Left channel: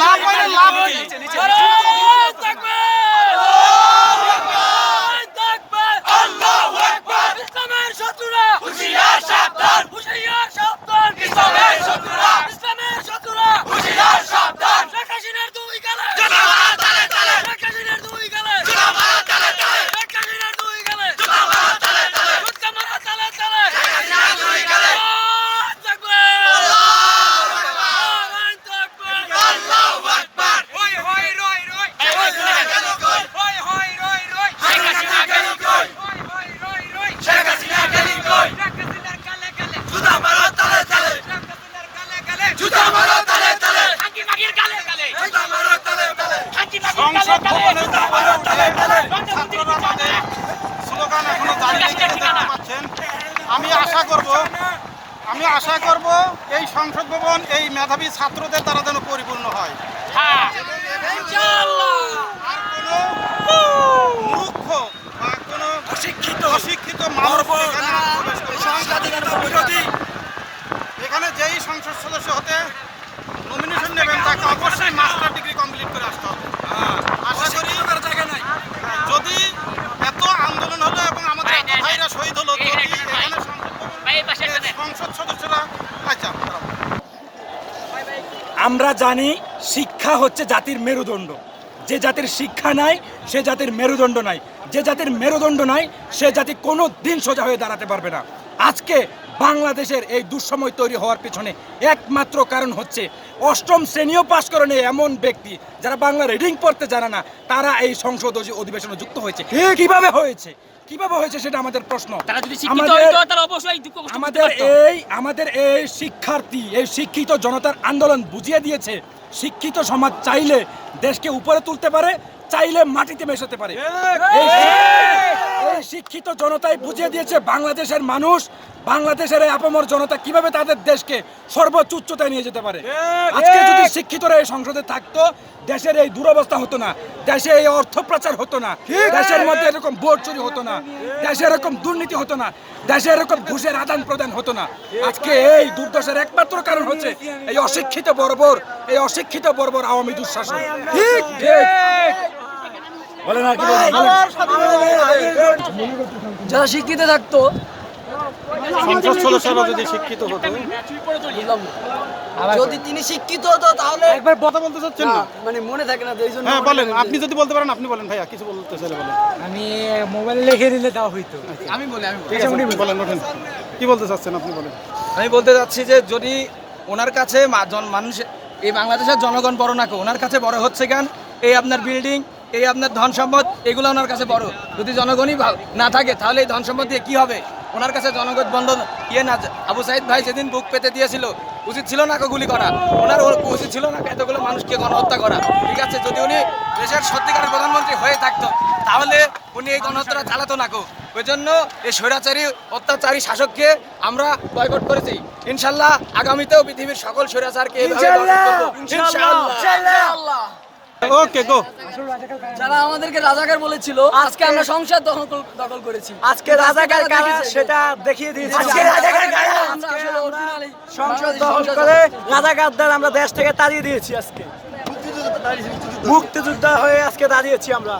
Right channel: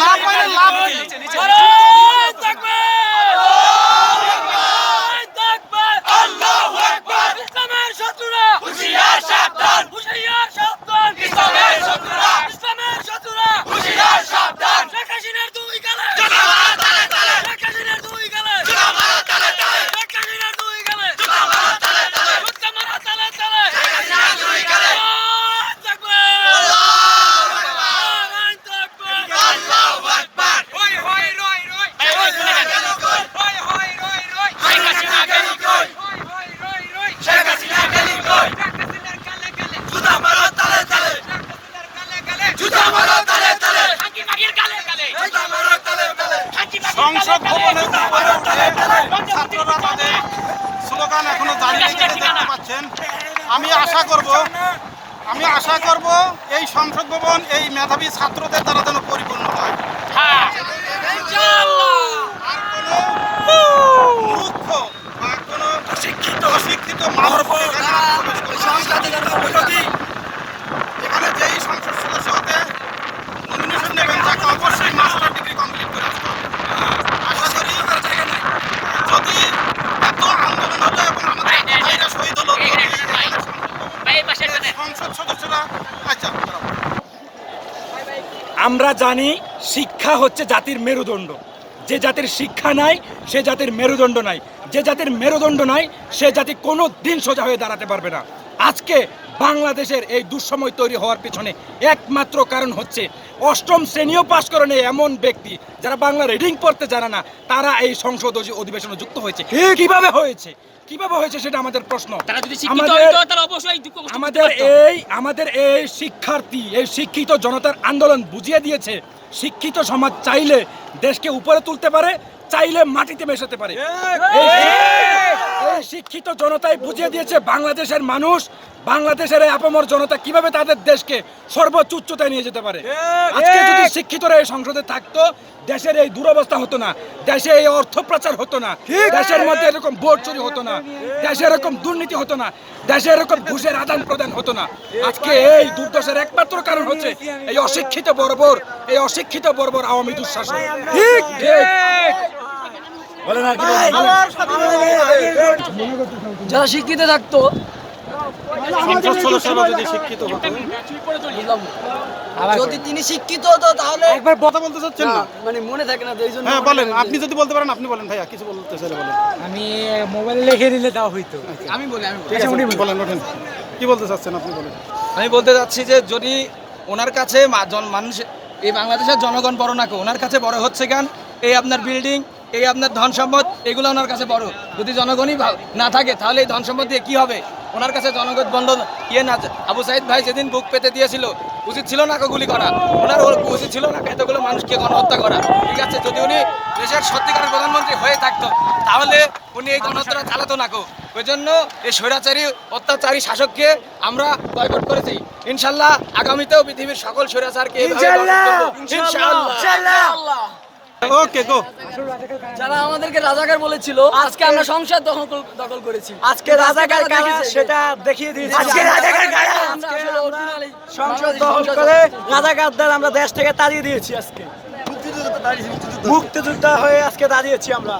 না পাইলে লাভ পাচ্ছেন। আমি আশা করব আমি আশা করব এই সংসদ ভবন এই মেধাবী ছাত্রদের দ্বারা যেন পরিপূর্ণ হয়। এখানে আর কোনো মূর্খ বা কোনো অশিক্ষিত। মানুষ প্রবেশ এখানে যেই সংসদ সদস্য হতে নমিনেশন নেবেন তাকে অবশ্যই মাস্টার ডিগ্রি কমপ্লিট করে আসতে হবে আশা করি যদি এত আন্দোলন হলো এবং আমাদের এত ভাইরা শহীদ হলো যদি এখানে সংসদ- সংসদ সদস্যরা আচ্ছা দাঁড়াও। আমরা জানি শিক্ষা হচ্ছে জাতির মেরুদণ্ড। যে জাতির শিক্ষা নাই সে জাতির মেরুদণ্ড নাই। যে জাতির মেরুদণ্ড নাই সে জাতি কোনো দিন সোজা হয়ে দাঁড়াতে পারবে না। আজকে বাংলাদেশের এই দুঃসময় তৈরি হওয়ার পেছনে একমাত্র কারণ হচ্ছে অষ্টম শ্রেণীও পাশ করেনি এমন ব্যক্তি যারা বাংলা রিডিং পড়তে জানে না তারা এই সংসদ অধিবেশনে যুক্ত হয়েছে। কীভাবে হয়েছে? কীভাবে হয়েছে সেটা আমাদের প্রশ্ন। তারা যদি শিক্ষিত আমাদের হইতো তারা অবশ্যই আমাদের এই আমাদের এই শিক্ষার্থী এই শিক্ষিত জনতার আন্দোলন বুঝিয়ে দিয়েছে শিক্ষিত সমাজ চাইলে দেশকে উপরে তুলতে পারে চাইলে মাটিতে মেশাতে পারে। এই- শিক্ষিত জনতাই বুঝিয়ে দিয়েছে বাংলাদেশের মানুষ বাংলাদেশের এই আপামর জনতা কীভাবে তাদের দেশকে সর্বোচ্চ উচ্চতায় নিয়ে যেতে পারে? আজকে যদি শিক্ষিতরা এই সংসদে থাকতো দেশের এই দুরবস্থা হতো না দেশে এই অর্থ প্রচার হতো না দেশের মধ্যে এরকম ভোট চুরি হতো না দেশে এরকম দুর্নীতি হতো না দেশে এরকম ঘুষের আদান প্রদান হতো না। আজকে এই দুর্দশার একমাত্র কারণ হচ্ছে এই অশিক্ষিত বর্বর এই অশিক্ষিত বর্বর আওয়ামী দুঃশাসন। ঠিক। ঠিক বলেন আর কি বলবেন? যারা শিক্ষিত থাকতো সংসদ সদস্যরা যদি শিক্ষিত হতো যদি তিনি শিক্ষিত হতো তাহলে একবার কথা বলতে চাচ্ছেন না? মানে মনে থাকে না এই জন্য হ্যাঁ বলেন আপনি যদি বলতে পারেন আপনি বলেন ভাইয়া কিছু বলতে চাইলে বলেন। আমি মোবাইলে লিখে দিলে তাও হইতো। ঠিক আছে বলেন ওঠেন। কি বলতে চাচ্ছেন আপনি বলেন? আমি বলতে চাচ্ছি যে যদি ওনার কাছে মা- জন- মানুষ এই বাংলাদেশের জনগণ বড় না কেউ ওনার কাছে বড় হচ্ছে কেন? এই আপনার বিল্ডিং এই আপনার ধন সম্পদ এগুলো ওনার কাছে বড়। যদি জনগণই না থাকে তাহলে এই ধন সম্পদ দিয়ে কি হবে? ওনার কাছে জনগণ বন্ধন ইয়ে না আবু সাইদ ভাই যেদিন বুক পেতে দিয়েছিল উচিত ছিল না গুলি করা। ওনার উচিত ছিল না এতগুলো মানুষকে গণহত্যা করা। ঠিক আছে যদি উনি দেশের সত্যিকারের প্রধানমন্ত্রী হয়ে থাকতো তাহলে উনি এই গণহত্যাটা চালাতো না কো ওই জন্য এই স্বৈরাচারী অত্যাচারী শাসককে আমরা বয়কট করেছি। ইনশাল্লাহ আগামীতেও পৃথিবীর সকল স্বৈরাচারকে এইভাবে বয়কট করব। ইনশাআল্লাহ ওকে গো যারা আমাদেরকে রাজাকার বলেছিল আজকে আমরা সংসার দখল দখল করেছি। আজকে রাজাকার কারা সেটা দেখিয়ে দিয়েছি। সংসার আসলে দখল করে রাজাকারদের আমরা দেশ থেকে তাড়িয়ে দিয়েছি আজকে। মুক্তিযোদ্ধা হয়ে আজকে দাঁড়িয়েছি আমরা।